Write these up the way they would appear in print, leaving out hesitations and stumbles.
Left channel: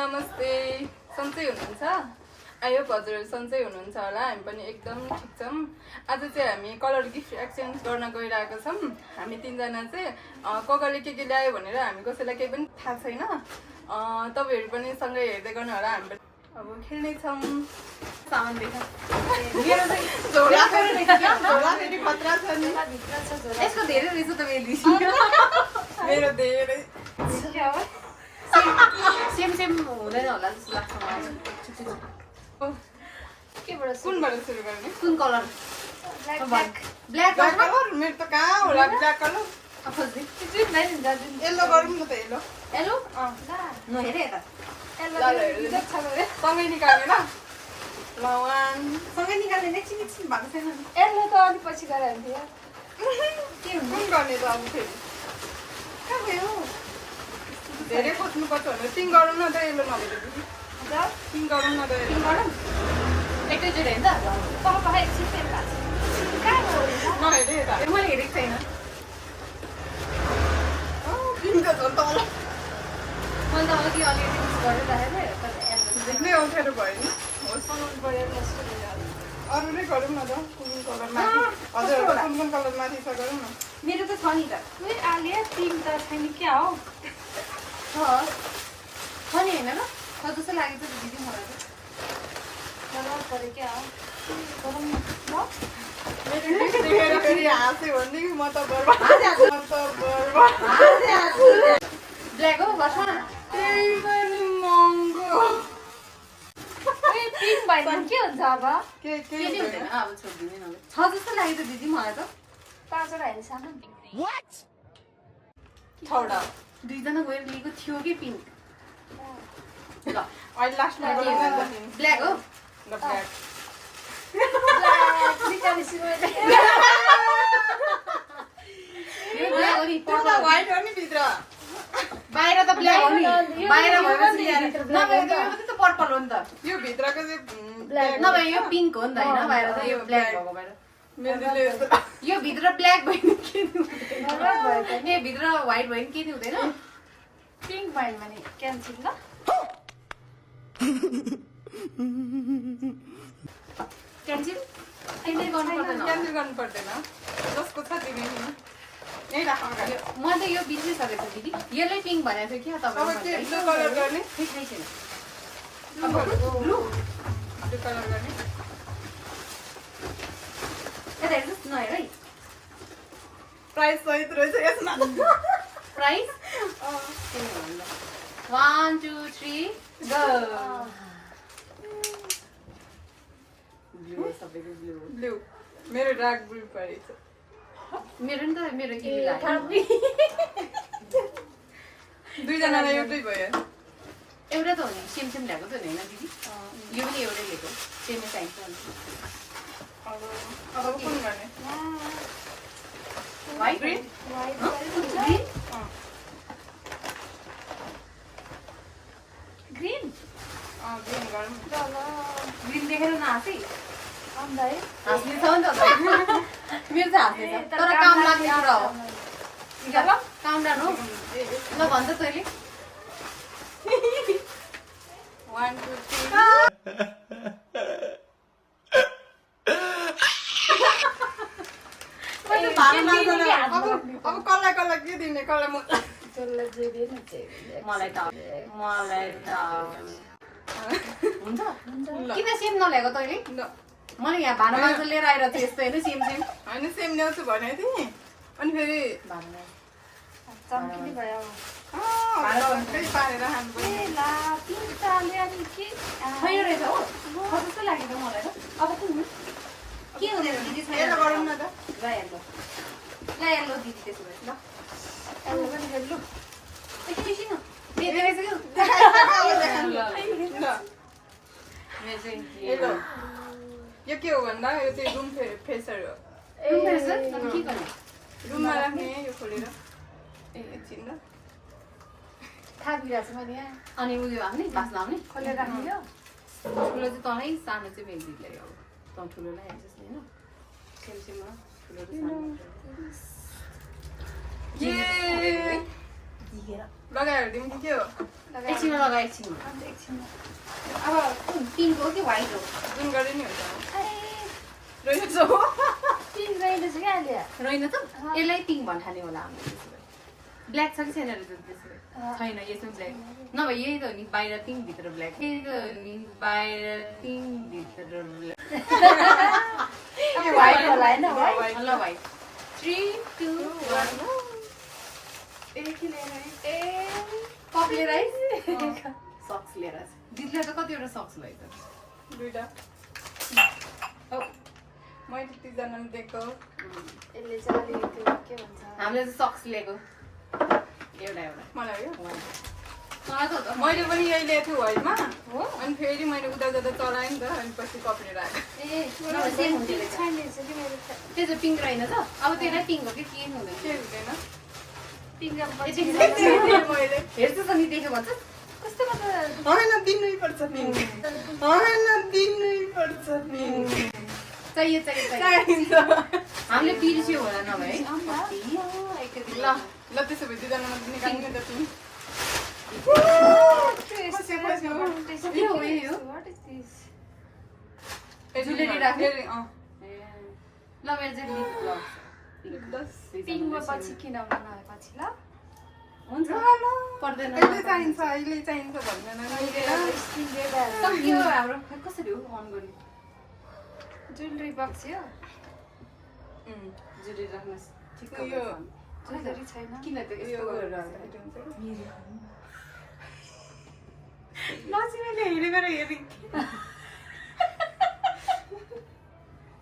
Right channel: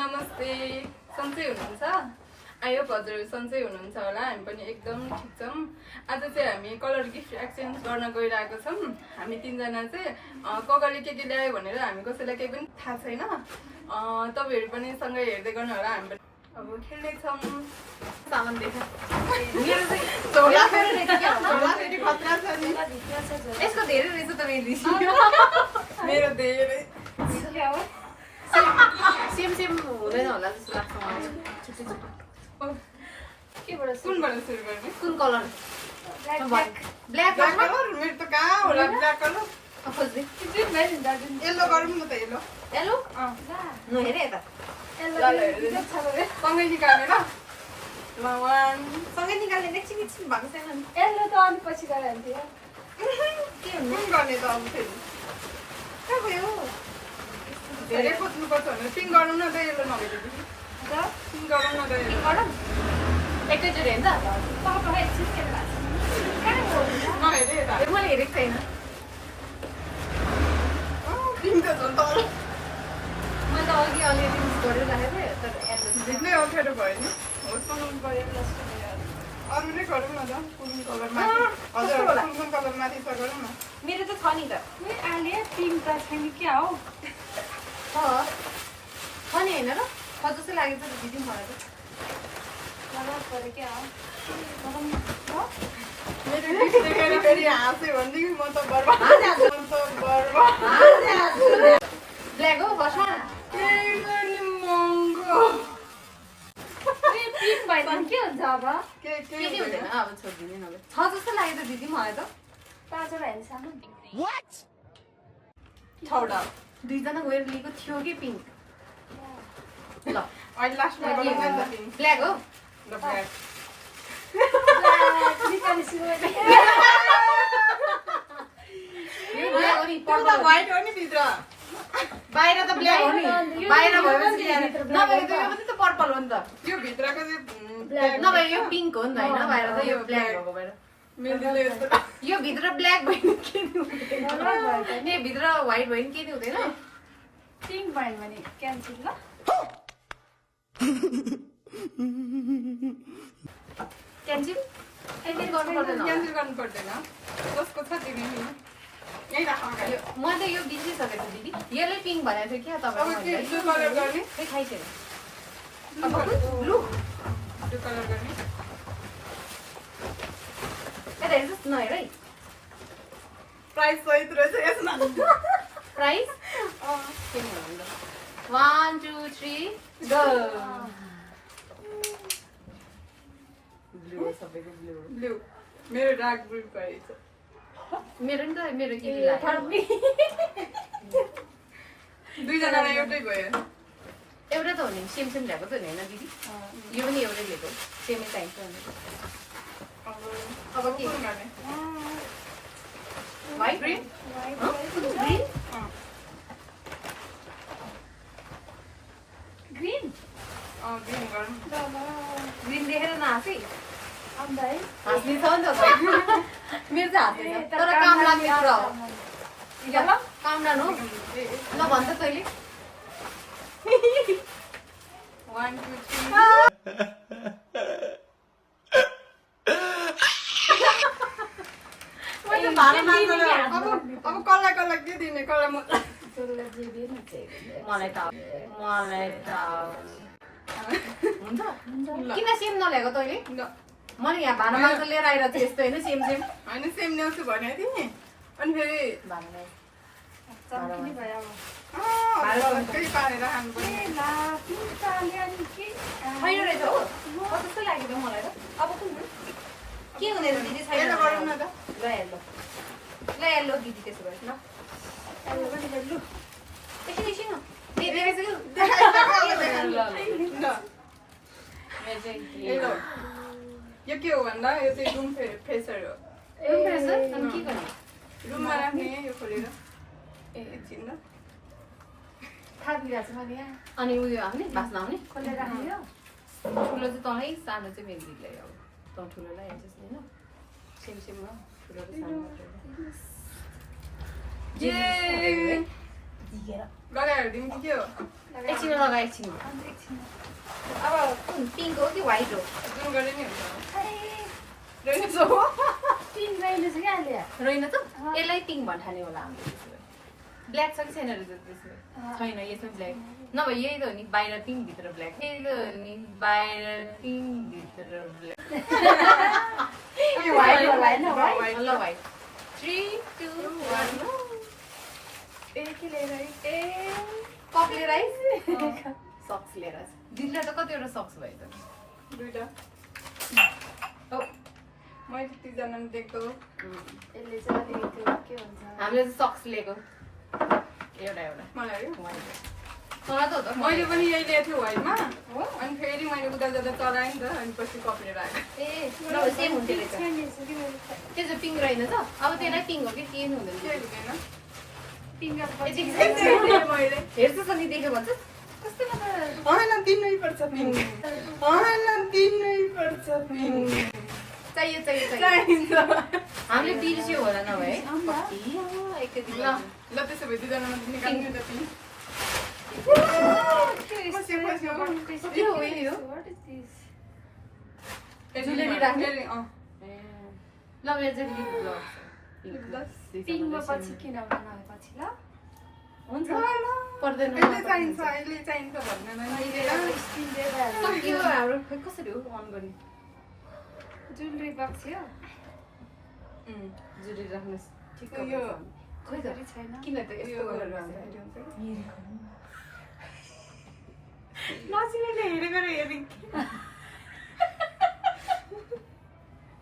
नमस्ते सन्चै हुनुहुन्छ आयो हजुरहरू सन्चै हुनुहुन्छ होला हामी पनि एकदम ठिक छौँ आज चाहिँ हामी कलर गिफ्ट एक्सचेन्ज गर्न गइरहेको छौँ हामी तीनजना चाहिँ कगरले के ल्यायो भनेर हामी कसैलाई केही पनि थाहा छैन तपाईहरु पनि सँगै हेर्दै गर्नु होला हामी पनि अब खेल्ने छौँ सामान देखा मेरो चाहिँ झोला फेरि खतरा छ नि यसको धेरै रहेछ त मेरो धेरै सेम हुँदैन होला जस्तो लाग्छ मलाई कुनबाट सुरु गर्ने कुन कलर ब्ल्याक कलर मेरो त कहाँ होला ब्ल्याक कलर येल्लो गरौँ न त येल्लो हेरे त सँगै निकाल्ने ल सँगै निकाल्ने एकछिन भएको छैन यसले त अनि पछि गएर हुन्थ्यो के हुनु गर्ने त अब फेरि कहाँ गयो धेरै खोज्नुपर्छ भने सिङ गरौँ न त येल्लो नभएदेखि सिङ गरौँ न त येल्लो गरौँ एकैचोटि हेर्नु त नहेरे यता मैले हेरेको छैन पिङ त झन् तल मैले त अघि अलिअलि मिस गरिरहेको थिएँ तर देख्नै अप्ठ्यारो भयो नि अरू नै गरौँ न त कुन कलरमा हजुर कुन कलर माथि छ गरौँ न मेरो त छ नि त आगे पिङ त तिमी क्या हो छ नि होइन र छ जस्तो लागेको छ दिदी मलाई मलाई पऱ्यो क्या हो मेरो गिफ्ट देखेर फेरि हाँस्यो भने म त बर्बाद ब्ल्याक हो बसमा त्यही पनि महँगो पिङ भयो के हुन्छ अब के हुँदैन अब छोडिदिने नभए छ जस्तो लाग्यो त दिदी मलाई त 5 वटा हेर्छ छवटा दुईजना गएर लिएको थियो कि पिङ्क ल अहिले लास्टमा गरौँ न त ब्ल्याक हो ल ब्ल्याक यो ब्ल्याक हो नि पर्पल व्हाइट हो नि भित्र बाहिर त ब्ल्याक हो नि बाहिर भएपछि नभए त यो पनि त पर्पल हो नि त यो भित्रको चाहिँ ब्ल्याक नभए यो पिङ्क हो नि त होइन बाहिर त यो ब्ल्याक भएको बाहिर मेहन्दीले यस्तो यो भित्र ब्ल्याक भयो नि के हुँदैन यो भित्र व्हाइट भयो नि के हुँदैन पिङ भयो भने क्यान्सल ल क्यान्सल गर्नु पर्दैन क्यान्सल गर्नु पर्दैन जसको छ तिमी यही राख अगाडि मैले त यो बिर्सिसकेको छु दिदी यसले पिङ्क भनेको थियो क्या अब तपाईँ के ब्लू कलर गर्ने खै थाहै छैन ब्लू कलर गर्ने यता हेर्नुहोस् नहेर है प्राइस सहित रहेछ यसमा प्राइस के भन्नु 1 2 3 गो ब्लू सबैको ब्लू ब्लू मेरो डार्क ब्लू परेछ मेरो नि त मेरो के लाग्यो दुईजनालाई एउटै भयो एउटा त हो नि सेम ल्याएको त होइन दिदी यो पनि एउटै लिएको सेमै चाहिन्छ अब कुन गर्ने white green green green green गरौँ ग्रीन देखेर नहाँसै अन्दाइ हाँस्ने छ नि त मेरो चाहिँ हाँस्दैन तर काम लाग्ने कुरा हो काम डाउन हो ल भन्छ तैँले 1 2 3 अब कसलाई के दिने कसलाई मलाई त हुन्छ किन सेम नल्याएको तैँले मैले यहाँ भाँडा माछा लिएर आएर चाहिँ यस्तो होइन सेम होइन सेम ल्याउँछु भने थिएँ अनि फेरि चम्किनी भयो केही पारेर खानु पर्ने छैन रहेछ हो कस्तो लाग्यो त मलाई त अब कुन के हुँदैन दिदी छैन यसो गरौँ न त ल हेर्नु दिदी त्यसो भए ल एकछिन एकछिन यो के हो भन्दा यो चाहिँ रुम फ्रेसर हो रुममा राख्ने यो खोलेर एकछिन ल थापिरहेको छु मैले अनि उयो आउने बाँच्न आउने खोलेर राख्ने हो ठुलो चाहिँ तँलाई सानो चाहिँ मेरो दिदीलाई अब तँ ठुलोलाई हेर्छस् होइन सेममा ठुलो र सानो लगाएर दिउँ कि के हो एकछिनमा लगा एकछिनमा अन्त एकछिन अब पिङ्क हो कि व्हाइट हो जुन गरे नि हुन्छ अरे रहेछ पिङ्क रहेछ क्या अहिले रहेन त यसलाई पिङ्क भन्ठाने होला हामीले ब्ल्याक छ कि छैन रहेछ त्यसो छैन यसमा ब्ल्याक नभए यही त हो नि बाहिर पिङ्क भित्र ब्ल्याक यही त हो नि बाहिर पिङ्क भित्र ब्ल्याक व्हाइट होला होइन व्हाइट ल भाइ 3 2 1 ए के लिएर आइस? ए कप लिएर आइस सक्स लिएर आइस दिदीलाई त कतिवटा सक्स भयो त दुईटा ओ मैले त्यतिजनाले दिएको यसले चाहिँ अलिकति के भन्छ हामीले चाहिँ सक्स लिएको एउटा एउटा मलाई हो तँलाई त हो त मैले पनि यही लिएको थिएँ व्हाइटमा हो अनि फेरि मैले उता जाँदा चलाएँ नि त अनि पछि कपलेर आएँ ए नभए सेम हुन्थ्यो रहेछ छैन रहेछ कि मेरो त्यो चाहिँ पिङ्क रहेन त अब त्यसलाई पिङ्क हो कि के हुँदैन के हुँदैन पिङ्क ए, पछि मैले हेर्छु त नि देख्यो भन्छ कस्तो मतलब होइन दिनै पर्छ पिङ होइन दिनै पर्छ पिङ चाहियो चाहियो चाहियो चाहिन्छ हामीले बिर्स्यो होला नभए आम्बा। एकैदिन ल ल त्यसो भए दुईजनामा निकाल्नु नि त पिङ पछि के हो यही हो जुलेरी राख्ने? अँ ल मेरो चाहिँ लिप ग्लोभ पिङ्कमा पछि किन नभए पछि ल हुन्छ पर्दैन अहिले चाहिन्छ अहिले चाहिन्छ भन्दैन त के हो हाम्रो खै कसरी हो अन गर्ने ज्वेलरी बक्स हो जुलेरी राख्नु ठिक यो खै त छैन किन त यो यस्तो गरेर गरेर नचिनेले हेरेर हेरे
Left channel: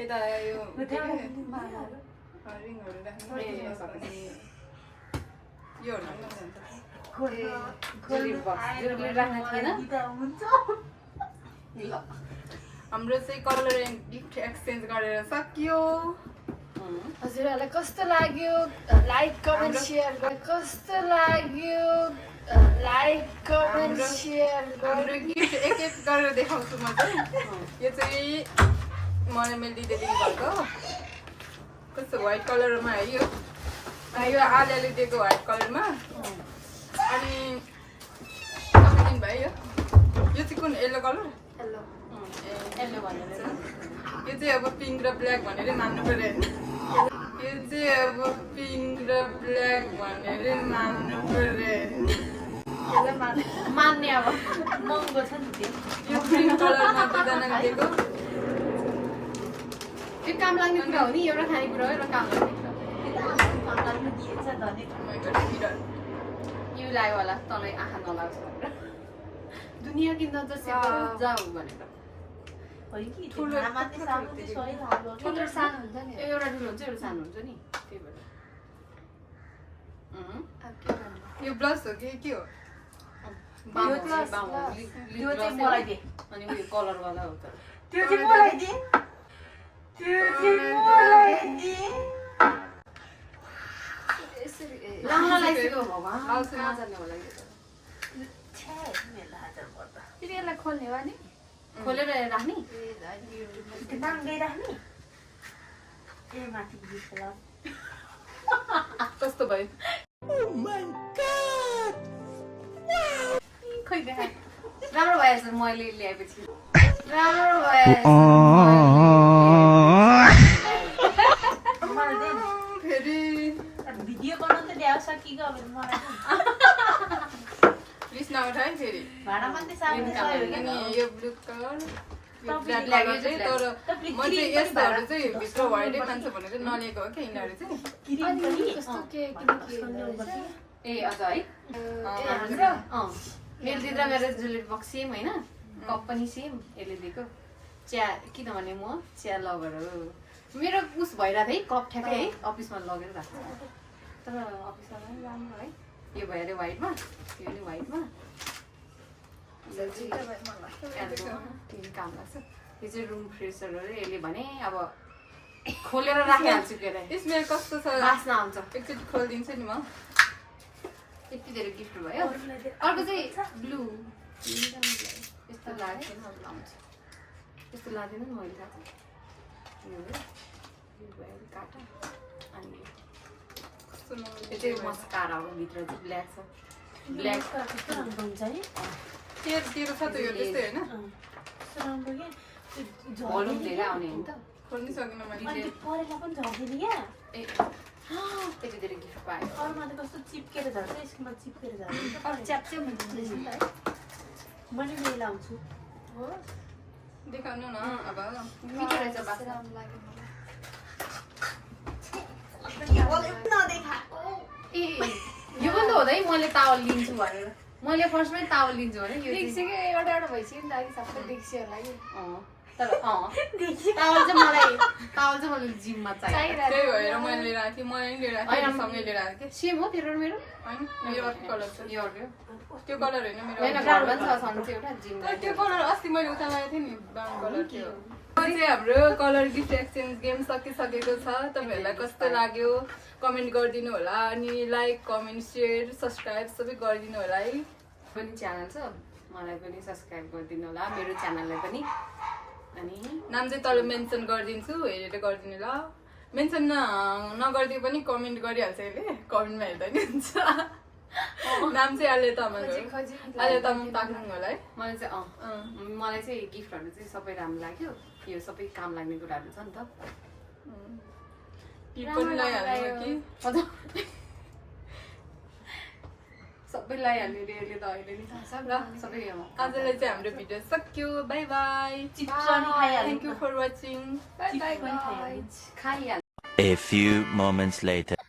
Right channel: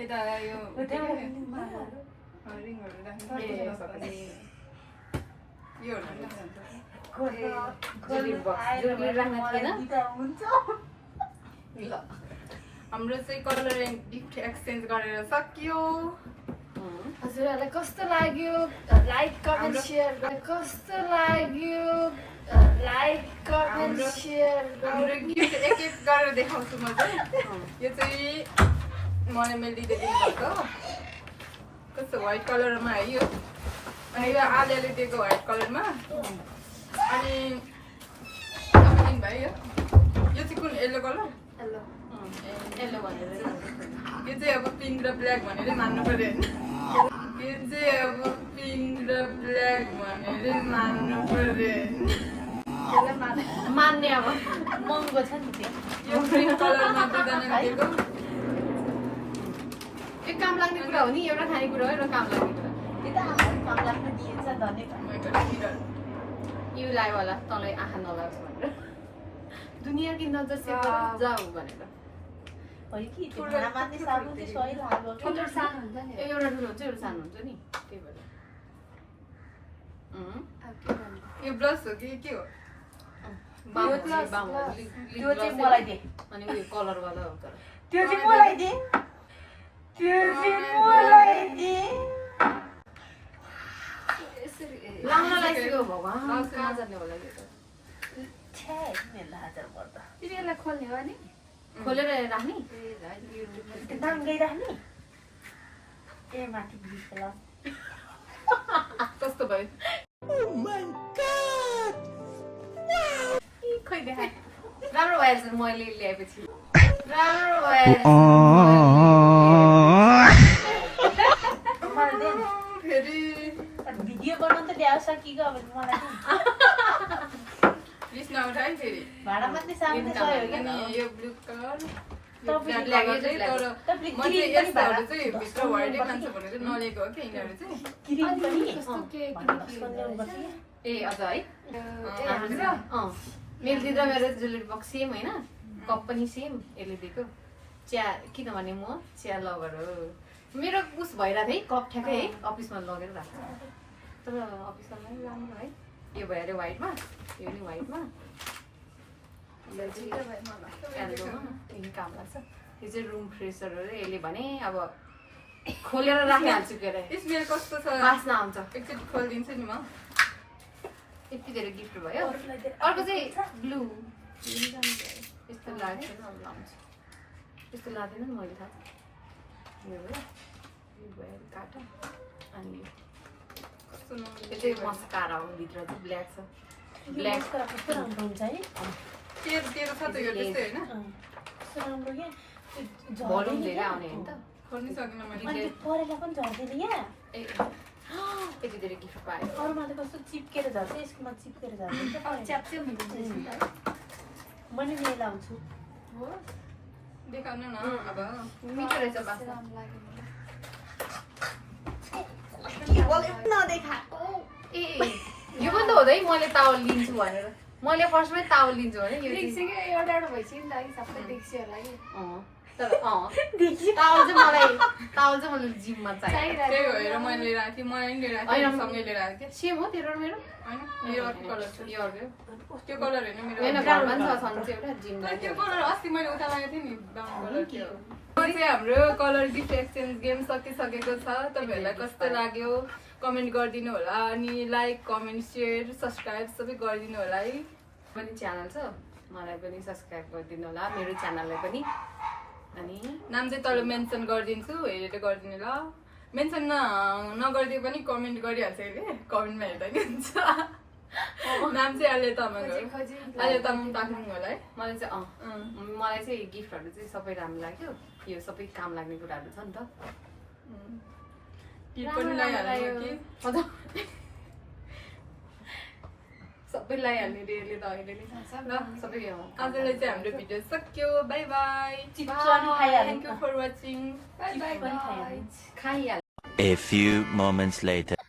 यता यो रिङहरू राख्नु यो जुलेरी बक्स जुलेरी राख्ने थिएन ल हाम्रो चाहिँ कलर एन्ड गिफ्ट एक्सचेन्ज गरेर सकियो हजुरहरूलाई कस्तो लाग्यो लाइक कमेन्ट सेयर कस्तो लाग्यो लाइक कमेन्ट सेयर हाम्रो गिफ्ट एक एक गरेर देखाउँछु म चाहिँ यो चाहिँ मैले दिँदै दिनुभएको कस्तो व्हाइट कलरमा है यो यो आलियाले दिएको व्हाइट कलरमा अनि तपाईँ दिनुभयो यो चाहिँ कुन येल्लो कलर हेलो यसले भनेर यो चाहिँ अब पिङ्क र ब्ल्याक भनेरै मान्नु पर्यो होइन यो चाहिँ अब पिङ्क र ब्ल्याक भनेरै मान्नु पर्यो होइन मान्ने अब महँगो छ नि यो पिङ्क कलरमा दुईजनाको दिएको त्यो काम लाग्ने कुरा हो नि एउटा खानेकुरा हो एउटा काम लाग्ने कुरा यो लाग्यो होला तँलाई आँखा नलाग्छ भनेर दुनियाँ कि नजर से जाऊ भनेर ठुलो सानो हुन्छ नि एउटा ठुलो हुन्छ एउटा सानो हुन्छ नि त्यही भएर अब के भन्नु यो ब्लस हो कि के हो बाम त्यो हो, बाम हो। glass, लिप त्यो चाहिँ gloss मलाई दे। अनि उयो कलरवाला हो तर त्यो चाहिँ मलाई दे त्यो चाहिँ मलाई दे यसरी लाउन लागिसक्यो भगवान् कहाँ जाने होला यो त छ्या मेरो हाजार पर्दा फेरि यसलाई खोल्ने हो नि खोलेर राख्ने नाम गइराख्ने ए माथि भित्र कस्तो भयो खै देखा राम्रो भएछ मैले ल्याएपछि राम्रो भएछ मलाई दे फेरि भिडियो बनाउन त ल्याउँछ कि गयो मलाई रिस नउठाए फेरि भाडा मात्रै सामने यो काम छ अनि यो ब्लु कलर यो ब्ल्याक ब्ल्याक यो चाहिँ चाहिँ तर ब्ल्याक। म चाहिँ यस्तोहरू चाहिँ भित्र व्हाइटै खान्छ भनेर चाहिँ नलिएको हो क्या यिनीहरू चाहिँ क्रिम अनि पनि कस्तो के किन के हुँदो रहेछ ए अझ है हाम्रो ए, चाहिँ मेरो दिदी र मेरो जुलेरी बक्स सेम होइन कप पनि सेम यसले दिएको चिया किनभने म चिया लगर हो मेरो उस भइरहेको थियो है कप ठ्याक्कै है अफिसमा लगेर राख्नु तर अफिसमा पनि राम्रो है यो भयो अरे व्हाइटमा यो पनि व्हाइटमा काम लाग्छ यो चाहिँ रुम फ्रेसर हो यसले भने अब खोलेर राखिहाल्छु के अरे स्मेल कस्तो छ बास्ना आउँछ एकचोटि खोलिदिन्छु नि म यति धेरै गिफ्ट भयो अर्को चाहिँ ब्लू यस्तो लाग्दैन अब लाउँछु यस्तो लाग्दैन नि मैले थाहा छ यो भयो काटा अनि यो सुनाउनु यो चाहिँ मस्कारा हो, भित्र चाहिँ ब्ल्याक छ। ब्ल्याक कस्तो राम्रो हुन्छ है तेरो छ त यो त्यस्तै होइन कस्तो राम्रो क्या भोल्युम धेरै आउने होइन त। खोल्नु सकिनँ मैले अनि त्यो परेला पनि झर्दैन क्या ए यति धेरै गिफ्ट पायो। अरूमा त कस्तो चिप्केर झर्छ यसमा चिप्केर झर्छ च्याप्च्याप हुन्छ नि त है। मैले लिएर आउँछु हो देखाउनु न अब मिठो रहेछ बा। राम्रो लाग्यो नदेखा ए यो पनि त हो है, मैले तावल लिन्छु भनेर। मैले फर्स्टमै तावल लिन्छु भने यो चाहिँ लिइसक्यो एउटा एउटा भइसक्यो नि त अघि सबै देखिसक्यो होला कि तर तावल चाहिँ मलाई जिममा चाहियो। त्यही भएर मैले लिएर आएको थिएँ मलाई नि लिएर आएको थिएँ सँगै लिएर आएको थिएँ सेम हो तेरो र मेरो? होइन मेरो अर्को कलर छ यो अर्को त्यो कलर होइन मेरो होइन, घरमा पनि छ सँग चाहिँ एउटा जिममा। तर त्यो कलर अस्ति मैले उता लगाएको थिएँ नि ब्राउन कलर त्यो चाहिँ हाम्रो कलर गिफ्ट एक्सचेन्ज गेम सकिसकेको छ। तपाईँहरूलाई कस्तो लाग्यो कमेन्ट गरिदिनु होला अनि लाइक कमेन्ट सेयर सब्सक्राइब सबै गरिदिनु होला है। पनि च्यानल छ, मलाई पनि सब्सक्राइब गरिदिनु होला, मेरो च्यानललाई पनि। अनि नाम चाहिँ तल मेन्सन गरिदिन्छु हेरेर गरिदिनु ल। मेन्सन नगरिदिए पनि कमेन्ट गरिहाल्छ अहिले कमेन्टमा हेर्दा नि हुन्छ। नाम चाहिँ आले तामाङ हो आले तामाङ ताक्नु होला है। मलाई चाहिँ मलाई चाहिँ गिफ्टहरू चाहिँ सबै राम्रो लाग्यो। यो सबै काम लाग्ने कुराहरू छ नि त। टिप पनि लगाइहाल्नु कि हजुर सबै लगाइहाल्ने रे यसले त अहिले नि ल सबै आजलाई चाहिँ हाम्रो भिडियो सक्यो बाई बाई चिप्स पनि खाइहाल्नु thank you for watching bye bye पनि खाइहाल्नु खाइहाल्छ। A few moments later.